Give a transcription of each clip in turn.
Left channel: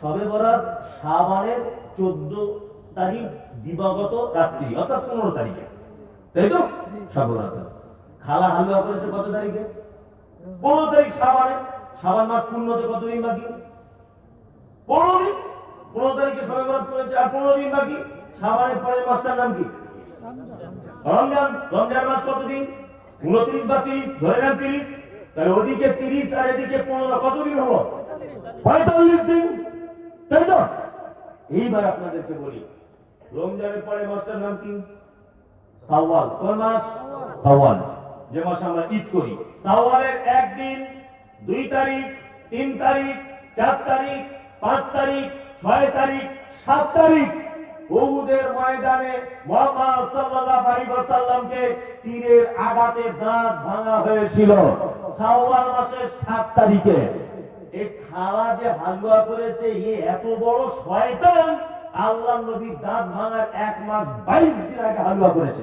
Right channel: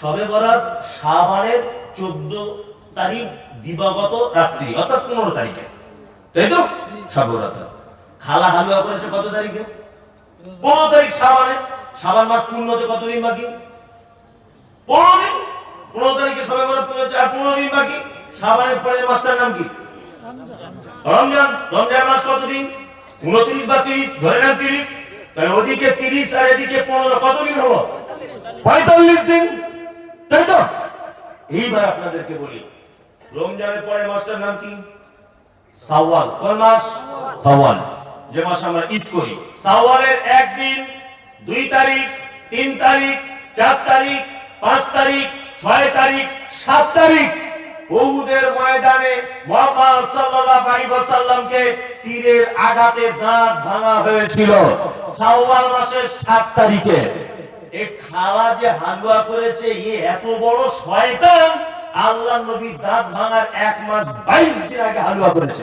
শবে বরাত শাবানের 14 তারিখ দিবাগত রাত্রি, অর্থাৎ 15 তারিখে, তাই তো? শবে বরাত খালা হালুয়া করেছে কত তারিখে? 15 তারিখ শাবানে। শাবান মাস পূর্ণ হতে কতদিন বাকি? 15 দিন। 15 তারিখে শবে বরাত করেছে, আর 15 দিন বাকি। শাবানের পরের মাসটার নাম কি? রমজান। রমজান মাস কতদিন? 29 বা 30, ধরে নেন 30। তাহলে ওদিকে 30 আর এদিকে 15, কতদিন হলো? 45 দিন, তাই তো? এইবার আপনাদেরকে বলি, রমজানের পরে মাসটার নাম কি? শাওয়াল। কোন মাস? শাওয়াল, যে মাসে আমরা ঈদ করি। শাওয়ালের 1 দিন, 2 তারিখ, 3 তারিখ, 4 তারিখ, 5 তারিখ, 6 তারিখ, 7 তারিখ উহুদের ময়দানে মুহাম্মদ সাল্লাল্লাহু আলাইহি ওয়াসাল্লামকে তীরের আঘাতে দাঁত ভাঙা হয়েছিল শাওয়াল মাসের 7 তারিখে। এই খালা যে হালুয়া করেছে, এত বড় শয়তান, আল্লাহর নবী দাঁত ভাঙার 1 মাস 22 দিন আগে হালুয়া করেছে।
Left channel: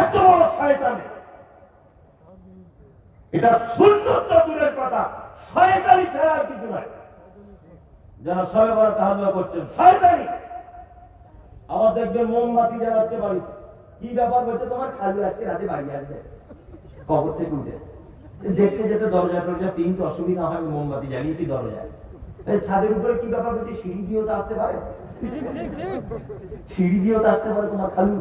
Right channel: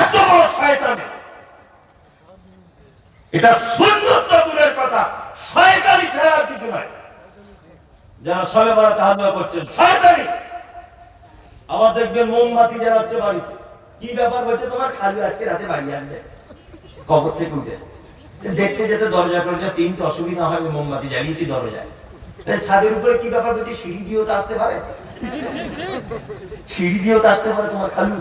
এত বড় শয়তান! এটা সুন্নত দূরের কথা, শয়তানি ছাড়া আর কিছু নয়। যারা শবে বরাতে হালুয়া করছেন শয়তানি। আবার দেখবেন মোমবাতি জ্বালাচ্ছে বাড়িতে। কি ব্যাপার বলছে, তোমার খালু আজকে রাতে বাড়ি আসবে কবর থেকে উঠে। দেখতে যেতে দরজা টরজা 3টা, অসুবিধা হয়, মোমবাতি জ্বালিয়েছি দরজায়। ছাদের উপরে কি ব্যাপার বলছে, সিঁড়ি দিয়েও তো আসতে পারে, সিঁড়ি দিয়েও তো আসতে পারে তোমার খালু।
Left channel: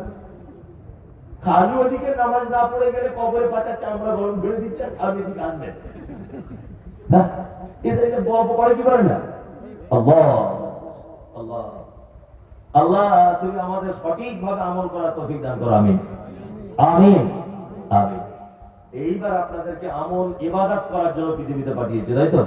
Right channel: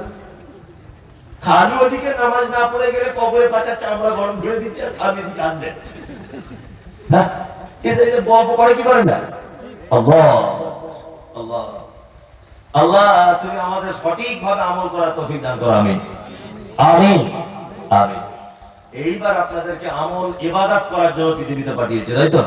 খালু ওদিকে নামাজ না পড়ে গেলে কবরের পাশে চামড়া গরম করে দিচ্ছে, আর খালু এদিকে আসবে। হ্যাঁ, এসে গল্প করে কি করে না? আল্লাহ আল্লাহ আল্লাহ, তুমি আমাদের সঠিকভাবে আমল করার তৌফিক দান করো। আমিন আমিন আমিন। এইবার আপনাদেরকে আমল ইবাদত করার জন্য পৃথিবীতে পাঠিয়েছে, তাই তো?